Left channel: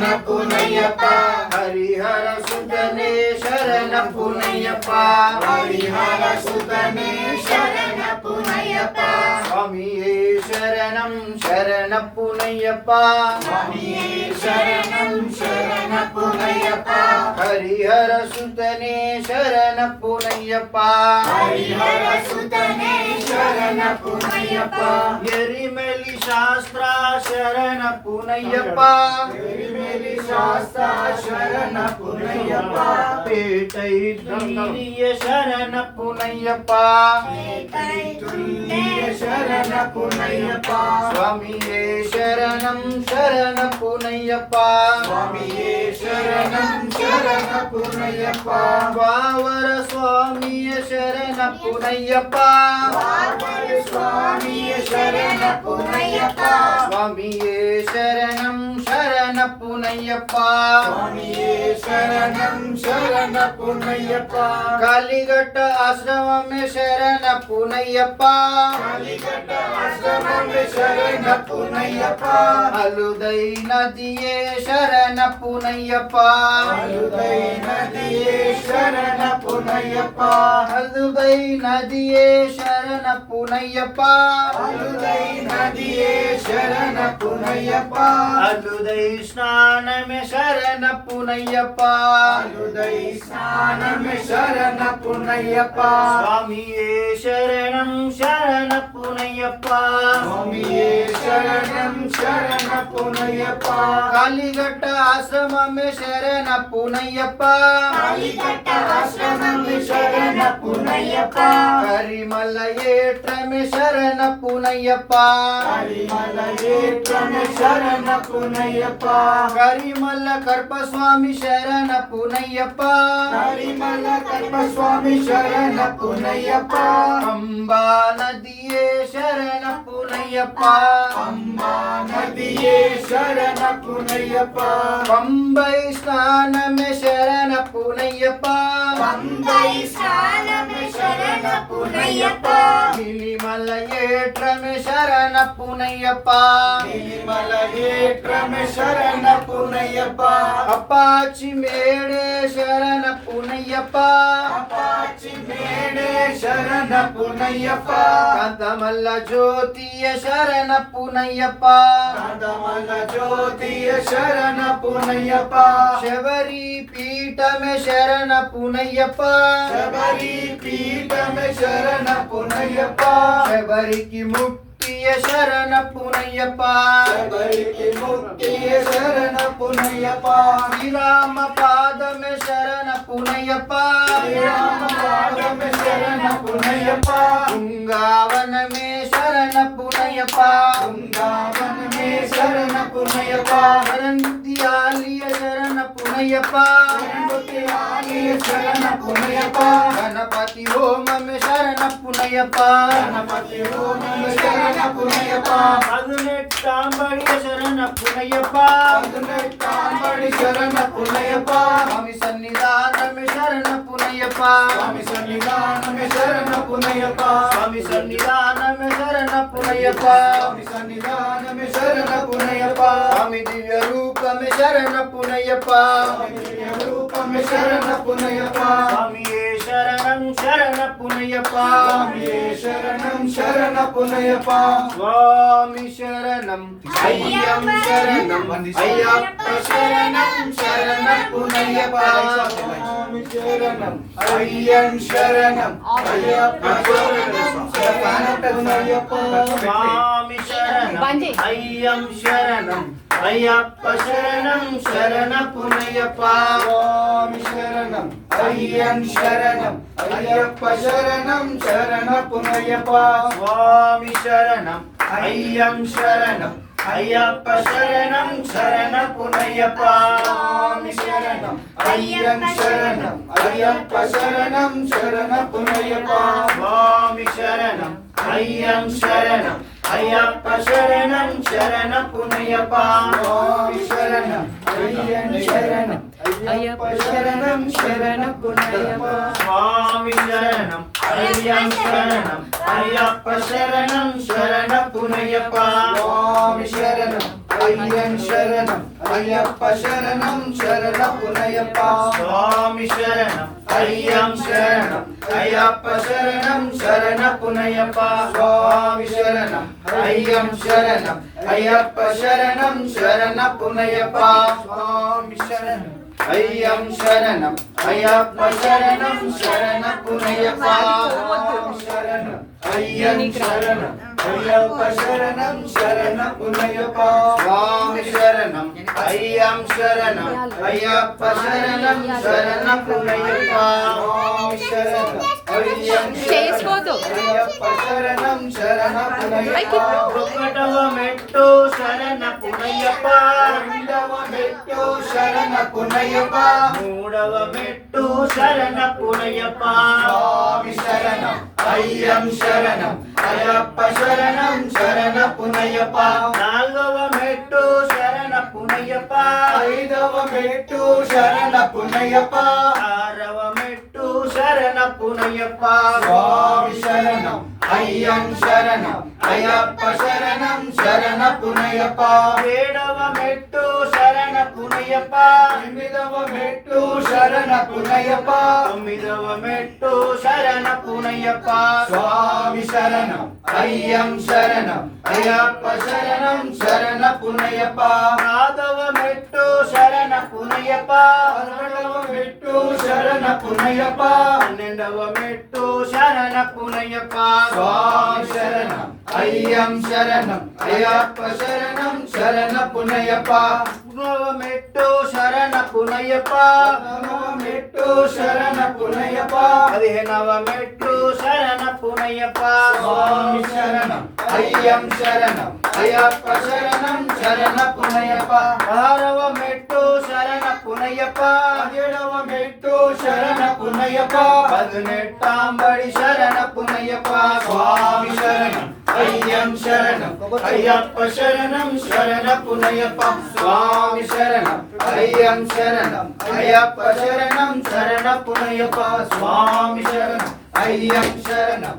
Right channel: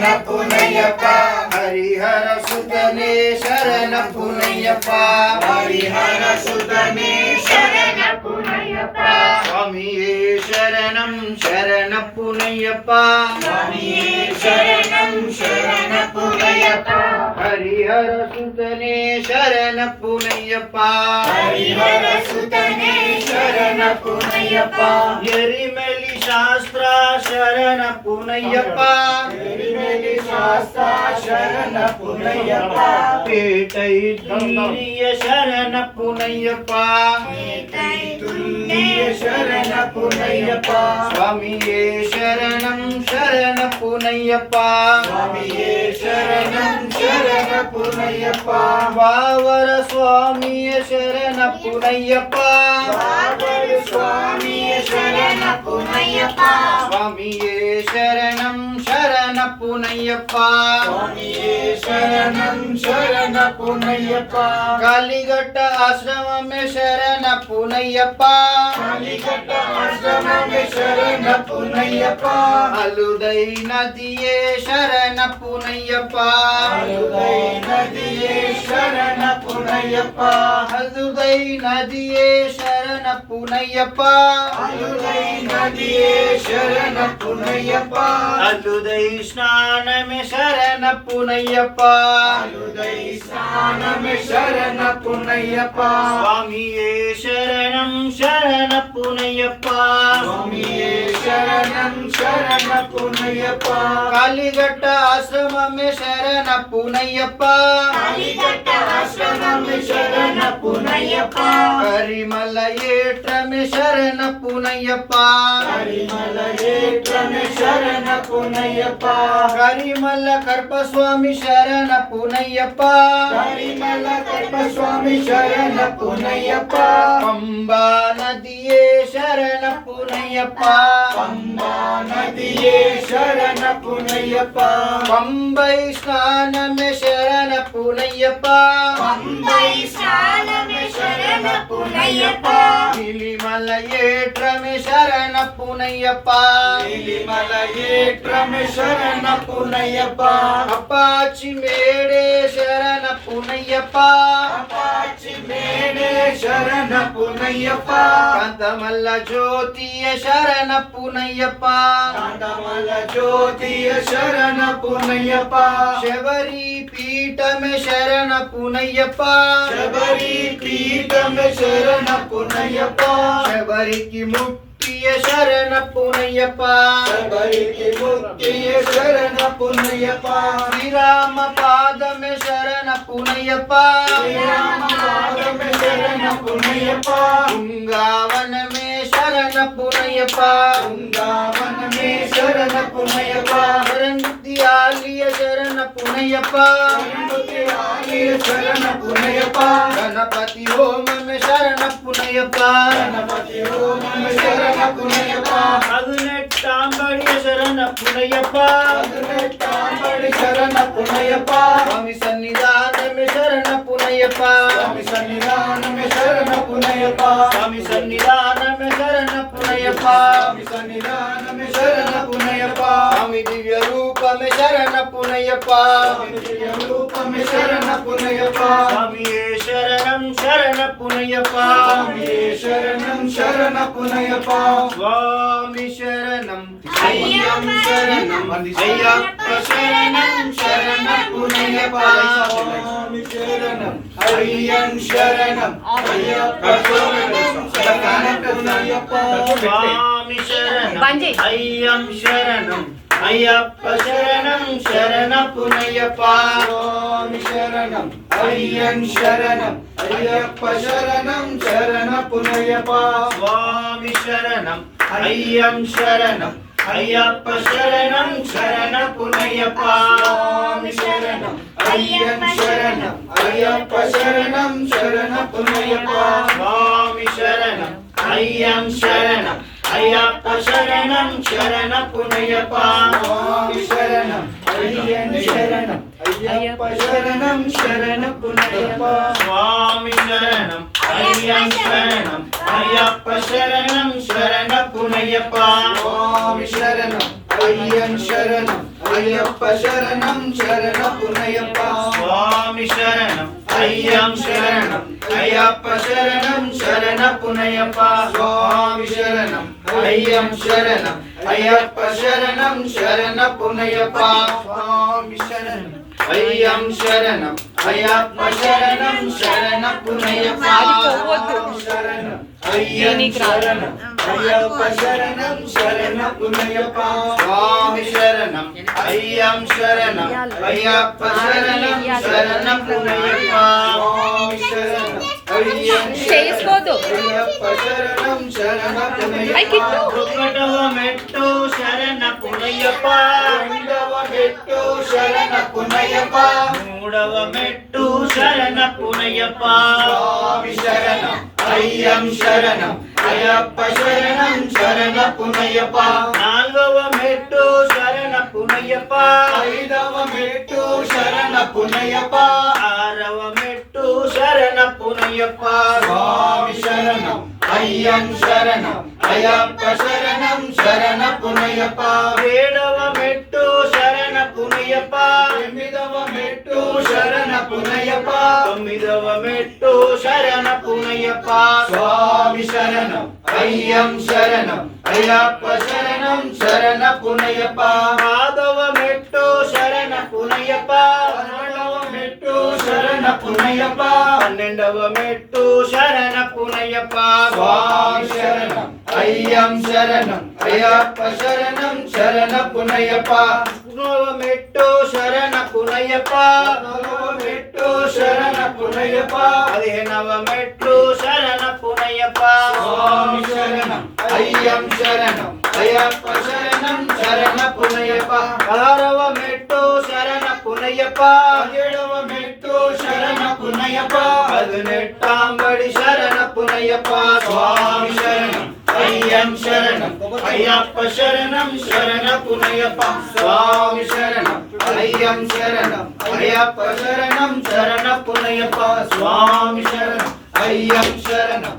ಶರಣ ಪುನಯ್ಯಪ್ಪ ಹರಿಹರ ಸುತನೇ ಶರಣ ಪುನಯ್ಯಪ್ಪ ಹರಿಹರ ಸುತನೇ ಶರಣ ಪುನಯ್ಯಪ್ಪ ಸ್ವಾಮಿಯೇ ಶರಣಂ ಶರಣ ಪುನಯ್ಯಪ್ಪ ಸ್ವಾಮಿಯೇ ಶರಣಂ ಶರಣ ಪುನಯ್ಯಪ್ಪ ಹರಿಹರ ಸುತನೇ ಶರಣ ಪುನಯ್ಯಪ್ಪ ಹರಿಹರ ಸುತನೇ ಶರಣ ಪುನಯ್ಯಪ್ಪ ಎರಿಮೆಲಿ ಶಾಸ್ತ್ರ ಶರಣ ಪುನಯ್ಯಪ್ಪ ಎರಿಮೆಲಿ ಶಾಸ್ತ್ರ ಶರಣ ಪುನಯ್ಯಪ್ಪ ಪೇಟೈ ತುಲ್ಲಿಯ ಶರಣ ಪುನಯ್ಯಪ್ಪ ಪೇಟೈ ತುಲ್ಲಿಯ ಶರಣ ಪುನಯ್ಯಪ್ಪ ಸ್ವಾಮಿಯೇ ಶರಣಂ ಶರಣ ಪುನಯ್ಯಪ್ಪ ಸ್ವಾಮಿಯೇ ಶರಣಂ ಶರಣ ಪುನಯ್ಯಪ್ಪ ವಾವರ ಸ್ವಾಮಿಯ ಶರಣ ಪುನಯ್ಯಪ್ಪ ವಾವರ ಸ್ವಾಮಿಯ ಶರಣ ಪುನಯ್ಯಪ್ಪ ಸ್ವಾಮಿಯೇ ಶರಣಂ ಶರಣ ಪುನಯ್ಯಪ್ಪ ಸ್ವಾಮಿಯೇ ಶರಣಂ ಶರಣ ಪುನಯ್ಯಪ್ಪ ಕಾಲಿಘಟ್ಟ ಆಶ್ರಮ में ಶರಣ ಪುನಯ್ಯಪ್ಪ ಕಾಲಿಘಟ್ಟ ಆಶ್ರಮ में ಶರಣ ಪುನಯ್ಯಪ್ಪ ಅಲುದೈ ನದಿಯೇ ಶರಣ ಪುನಯ್ಯಪ್ಪ ಅಲುದೈ ನದಿಯೇ ಶರಣ ಪುನಯ್ಯಪ್ಪ ಅಲುದೈ ನದಿಯೇ ಶರಣ ಪುನಯ್ಯಪ್ಪ ಅಲುದೈ ನದಿಯೇ ಶರಣ ಪುನಯ್ಯಪ್ಪ ಅಲುದೈ ಸ್ನಾನ में ಶರಣ ಪುನಯ್ಯಪ್ಪ ಅಲುದೈ ಸ್ನಾನ में ಶರಣ ಪುನಯ್ಯಪ್ಪ ಸ್ವಾಮಿಯೇ ಶರಣಂ ಶರಣ ಪುನಯ್ಯಪ್ಪ ಸ್ವಾಮಿಯೇ ಶರಣಂ ಶರಣ ಪುನಯ್ಯಪ್ಪ ಕಾಲಿಘಟ್ಟ ಆಶ್ರಮ में ಶರಣ ಪುನಯ್ಯಪ್ಪ ಕಾಲಿಘಟ್ಟ ಆಶ್ರಮ में ಶರಣ ಪುನಯ್ಯಪ್ಪ ಕರಿಮಲ ಏಟ್ರ में ಶರಣ ಪುನಯ್ಯಪ್ಪ ಕರಿಮಲ ಏಟ್ರ में ಶರಣ ಪುನಯ್ಯಪ್ಪ ಕರಿಮಲ ಕರ್ಪ ಸ್ವಾಮಿ ಶರಣ ಪುನಯ್ಯಪ್ಪ ಕರಿಮಲ ಕರ್ಪ ಸ್ವಾಮಿ ಶರಣ ಪುನಯ್ಯಪ್ಪ ಕಂಬಾ ನದಿಯೇ ಶರಣ ಪುನಯ್ಯಪ್ಪ ಕಂಬಾ ನದಿಯೇ ಶರಣ ಪುನಯ್ಯಪ್ಪ ಪಂಬೈ ಸ್ನಾನ में ಶರಣ ಪುನಯ್ಯಪ್ಪ ಪಂಬೈ ಸ್ನಾನ में ಶರಣ ಪುನಯ್ಯಪ್ಪ ಇಲಿಮಲ ಏಟ್ರ में ಶರಣ ಪುನಯ್ಯಪ್ಪ ಇಲಿಮಲ ಏಟ್ರ में ಶರಣ ಪುನಯ್ಯಪ್ಪ ಅಪಾಚಿ ಮೇಡೆ ಶರಣ ಪುನಯ್ಯಪ್ಪ ಅಪಾಚಿ ಮೇಡೆ ಶರಣ ಪುನಯ್ಯಪ್ಪ ಕಾಂತಮಲ್ಲ ಜ್ಯೋತಿಯ ಶರಣ ಪುನಯ್ಯಪ್ಪ ಕಾಂತಮಲ್ಲ ಜ್ಯೋತಿಯ ಶರಣ ಪುನಯ್ಯಪ್ಪ ಶಬರಿ ಪೀಠ में ಶರಣ ಪುನಯ್ಯಪ್ಪ ಶಬರಿ ಪೀಠ में ಶರಣ ಪುನಯ್ಯಪ್ಪ ಶಬರಿ की ಮುಕ್ತಿಯ ಶರಣ ಪುನಯ್ಯಪ್ಪ ಶಬರಿ की ಮುಕ್ತಿಯ ಶರಣ ಪುನಯ್ಯಪ್ಪ ಶ್ರೀರಾಮ ಪಾದ में ಶರಣ ಪುನಯ್ಯಪ್ಪ ಶ್ರೀರಾಮ ಪಾದ में ಶರಣ ಪುನಯ್ಯಪ್ಪ ಗಂಗಾವನ में ಶರಣ ಪುನಯ್ಯಪ್ಪ ಗಂಗಾವನ में ಶರಣ ಪುನಯ್ಯಪ್ಪ ರಂದಿಯಾಲಿಯ ಶರಣ ಪುನಯ್ಯಪ್ಪ ರಂದಿಯಾಲಿಯ ಶರಣ ಪುನಯ್ಯಪ್ಪ ಗಣಪತಿ ಹೋಮ में ಶರಣ ಪುನಯ್ಯಪ್ಪ ಗಣಪತಿ ಹೋಮ में ಶರಣ ಪುನಯ್ಯಪ್ಪ ಹದಿನೆಟ್ಟಾಂಬಡಿಯ ಶರಣ ಪುನಯ್ಯಪ್ಪ ಹದಿನೆಟ್ಟಾಂಬಡಿ ಶರಣ ಪುನಯ್ಯಪ್ಪ ಸ್ವಾಮಿ ಸನ್ನಿಧಾನ में ಶರಣ ಪುನಯ್ಯಪ್ಪ ಸ್ವಾಮಿ ಸನ್ನಿಧಾನ में ಶರಣ ಪುನಯ್ಯಪ್ಪ ಸ್ವಾಮಿ ಸನ್ನಿಧಾನ में ಶರಣ ಪುನಯ್ಯಪ್ಪ ಸ್ವಾಮಿ ಸನ್ನಿಧಾನ में ಶರಣ ಪುನಯ್ಯಪ್ಪ ಸ್ವಾಮಿ ದಿವ್ಯ ರೂಪ में ಶರಣ ಪುನಯ್ಯಪ್ಪ ಸ್ವಾಮಿ ದಿವ್ಯ ರೂಪ में ಶರಣ ಪುನಯ್ಯಪ್ಪ ಸ್ವಾಮಿಯೇ ಶರಣಂ ಶರಣ ಪುನಯ್ಯಪ್ಪ ಸ್ವಾಮಿಯೇ ಶರಣಂ ಶರಣ ಪುನಯ್ಯಪ್ಪ ಸ್ವಾಮಿ ಶರಣಂ ಅಯ್ಯಂ ಶರಣಂ ಅಯ್ಯಪ್ಪ ಶರಣಂ ಶರಣ ಪುನಯ್ಯಪ್ಪ ಸ್ವಾಮಿ ಶರಣಂ ಅಯ್ಯಂ ಶರಣಂ ಅಯ್ಯಪ್ಪ ಶರಣಂ ಶರಣ ಪುನಯ್ಯಪ್ಪ ಸ್ವಾಮಿ ಶರಣಂ ಅಯ್ಯಂ ಶರಣಂ ಅಯ್ಯಪ್ಪ ಶರಣಂ ಶರಣ ಪುನಯ್ಯಪ್ಪ ಸ್ವಾಮಿ ಶರಣಂ ಅಯ್ಯಂ ಶರಣಂ ಅಯ್ಯಪ್ಪ ಶರಣಂ ಶರಣ ಪುನಯ್ಯಪ್ಪ ಸ್ವಾಮಿ ಶರಣಂ ಅಯ್ಯಂ ಶರಣಂ ಅಯ್ಯಪ್ಪ ಶರಣಂ ಶರಣ ಪುನಯ್ಯಪ್ಪ ಸ್ವಾಮಿ ಶರಣಂ ಅಯ್ಯಂ ಶರಣಂ ಅಯ್ಯಪ್ಪ ಶರಣಂ ಶರಣ ಪುನಯ್ಯಪ್ಪ ಸ್ವಾಮಿ ಶರಣಂ ಅಯ್ಯಂ ಶರಣಂ ಅಯ್ಯಪ್ಪ ಶರಣಂ ಶರಣ ಪುನಯ್ಯಪ್ಪ ಸ್ವಾಮಿ ಶರಣಂ ಅಯ್ಯಂ ಶರಣಂ ಅಯ್ಯಪ್ಪ ಶರಣಂ ಶರಣ ಪುನಯ್ಯಪ್ಪ ಸ್ವಾಮಿ ಶರಣಂ ಅಯ್ಯಂ ಶರಣಂ ಅಯ್ಯಪ್ಪ ಶರಣಂ ಶರಣ ಪುನಯ್ಯಪ್ಪ ಸ್ವಾಮಿ ಶರಣಂ ಅಯ್ಯಂ ಶರಣಂ అయ్యప్ప శరణం శరణపునయ్యప్ప స్వామి శరణం అయ్యం శరణం అయ్యప్ప శరణం శరణపునయ్యప్ప స్వామి శరణం అయ్యం శరణం అయ్యప్ప శరణం శరణపునయ్యప్ప స్వామి శరణం అయ్యం శరణం అయ్యప్ప శరణం శరణపునయ్యప్ప శరణం అయ్యం శరణం అయ్యప్ప శరణం శరణపునయ్యప్ప స్వామి శరణం అయ్యం శరణం అయ్యప్ప శరణం శరణపునయ్యప్ప స్వామి శరణం చేసుకోదు అయ్యప్ప శరణం శరణపునయ్యప్ప ఒకటవ మెట్టు శరణపునయ్యప్ప రెండవ మెట్టు శరణపునయ్యప్ప మూడవ మెట్టు శరణపునయ్యప్ప స్వామి శరణం అయ్యం శరణం అయ్యప్ప శరణం శరణపునయ్యప్ప నాలుగవ మెట్టు శరణపునయ్యప్ప ఐదవ మెట్టు శరణపునయ్యప్ప ఆరవ మెట్టు శరణపునయ్యప్ప స్వామి శరణం అయ్యం శరణం అయ్యప్ప శరణం శరణపునయ్యప్ప ఏడవ మెట్టు శరణపునయ్యప్ప ఎనిమిదవ మెట్టు శరణపునయ్యప్ప తొమ్మిదవ మెట్టు శరణపునయ్యప్ప స్వామి శరణం అయ్యం శరణం అయ్యప్ప శరణం శరణపునయ్యప్ప పదవ మెట్టు శరణపునయ్యప్ప పదకొండవ మెట్టు శరణపునయ్యప్ప పన్నెండవ మెట్టు శరణపునయ్యప్ప స్వామి శరణం అయ్యం శరణం అయ్యప్ప శరణం శరణపునయ్యప్ప మెట్టు శరణపునయ్యప్ప మెట్టు శరణపునయ్యప్ప పదిహేనవ మెట్టు శరణపునయ్యప్ప స్వామి శరణం అయ్యం శరణం అయ్యప్ప శరణం శరణపునయ్యప్ప పదహారవ మెట్టు శరణపునయ్యప్ప పదిహేడవ మెట్టు శరణపునయ్యప్ప పదినెట్టాంబడి శరణపునయ్యప్ప స్వామి శరణం అయ్యం శరణం అయ్యప్ప శరణం శరణపునయ్యప్ప స్వామి శరణం అయ్యం శరణం అయ్యప్ప శరణం శరణపునయ్యప్ప స్వామి శరణం అయ్యం శరణం